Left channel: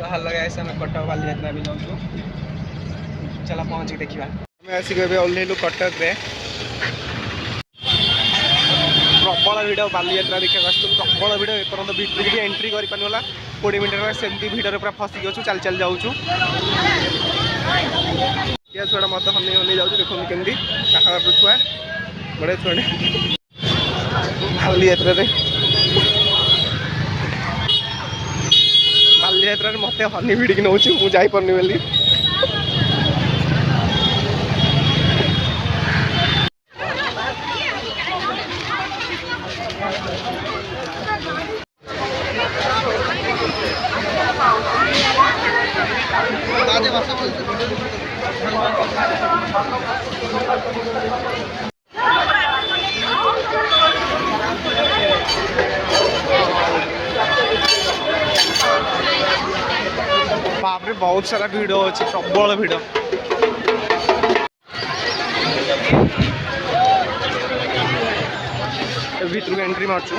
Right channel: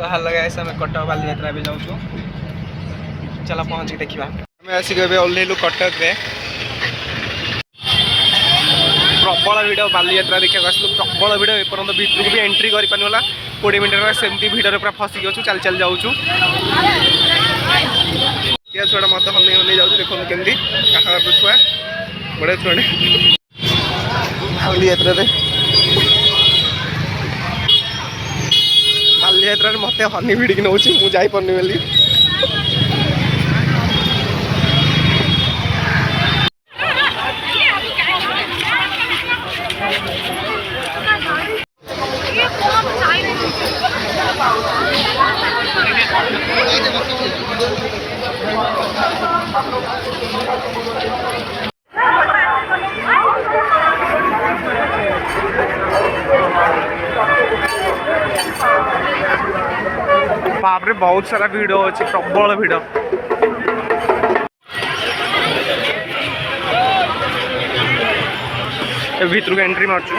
so hello guys आम कटक बालीजात्रा भी जाऊँ चलो पहुँच देखा आम आसिक ओह्लैलु कटक रे प्रबल भिड़ बालीजात्रा देखा आसलु प्रबल भिड़ एपर्तंत भितर को भी एंट्री कर पारा 20 मिनट सेमती भिड़ पूरा फसिक अच्छु चल चल जाऊँ छुआ मत हमें हमें जाऊँ देखो केमती काका छुआ बड़े छुआटे बालीजात्रा बालीजात्रा मत हनी भिड़िकी नौ मुझे जापरनी बोली बाप रे बहुत सारा भिड़ अच्छी प्रबल भिड़ भीतर को एंट्री मार्चु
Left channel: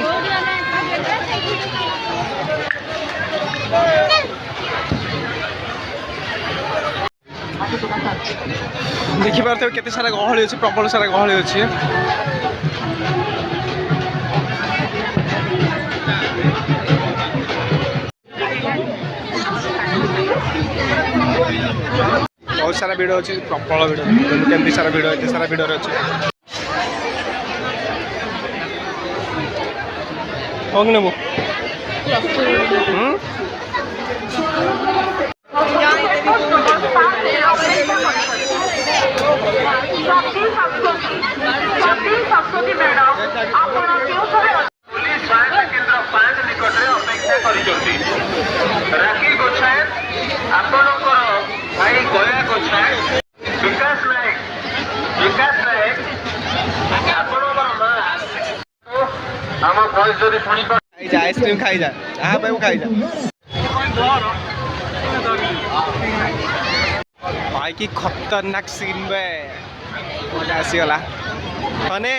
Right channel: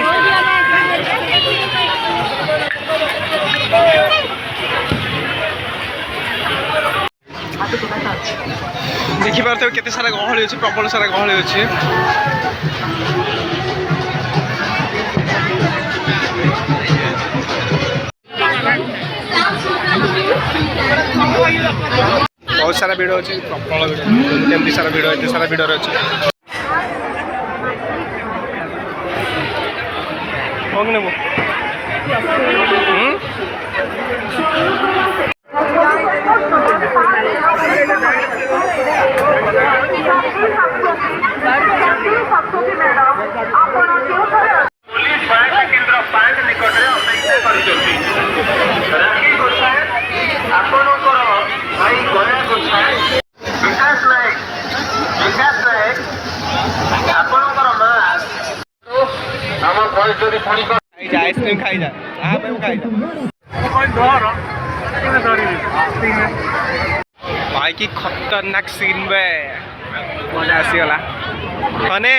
देखिपार केते सारा गहली अच्छे प्रबल सारा गहली अच्छे बहुत सारा भिड़ अच्छी प्रबल भिड़ केमती सारा भिड़ एत सारा भिड़ अच्छे कौन नेबू आइसक्रीम खाई जा खाई जा भाई की खतरनाक सीन बे मजा आसीगला हने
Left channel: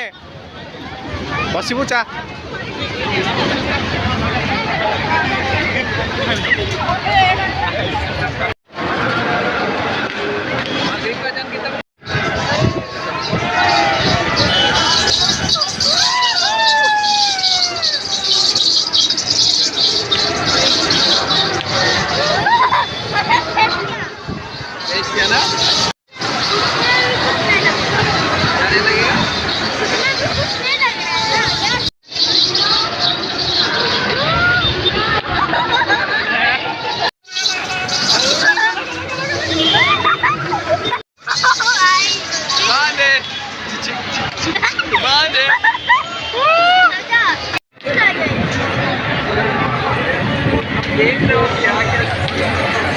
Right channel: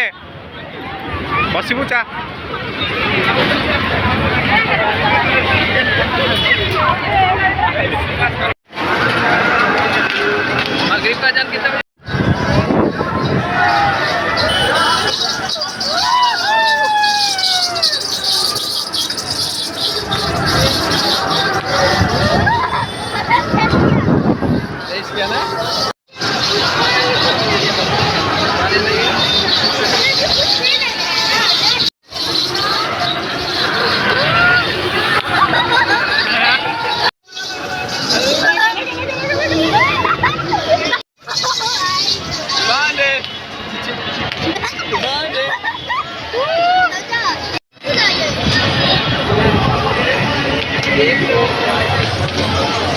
बसबू चा देख लो क्या